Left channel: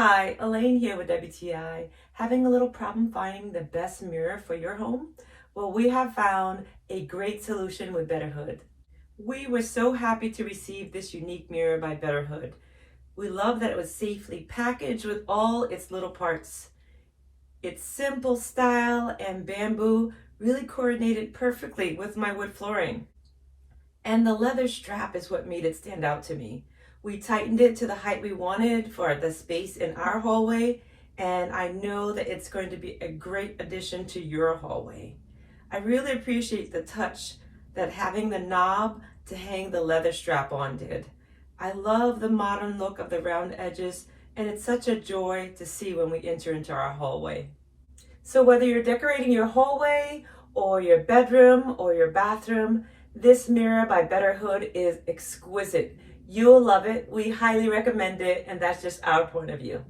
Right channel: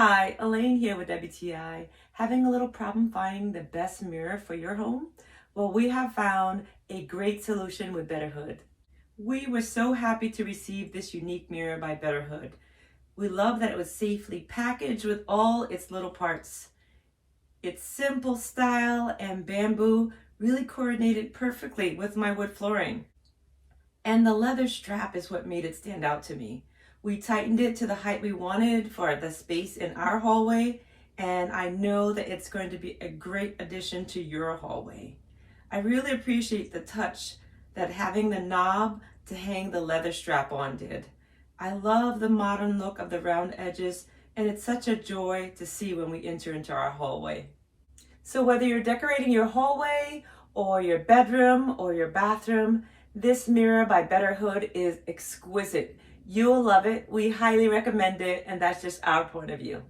Hi, Elaine here with WTI. Having a little problem finding the best mirror for your home? Well, we have found a great solution with Betterhood. We were so happy to receive this unique mirror by Betterhood. We love that it was safely packaged with all its little parts. Its simple style and bamboo really coordinated perfectly with my wood flooring. And the leather strap is what made it stand out to me. We tightened it to the height we wanted for the space in our hallway, and I know that it's going to be a great addition to your hallway. I really appreciate the touch that having the knob to hang the leather strap on did. I love the modern look of the round edges, and it's such a joy to see when we enter into our hallway. So whether you're decorating your hallway or your bedroom or your bathroom, this mirror by Betterhood is exquisite. You'll love it. We highly recommend it, and that's just our point of view.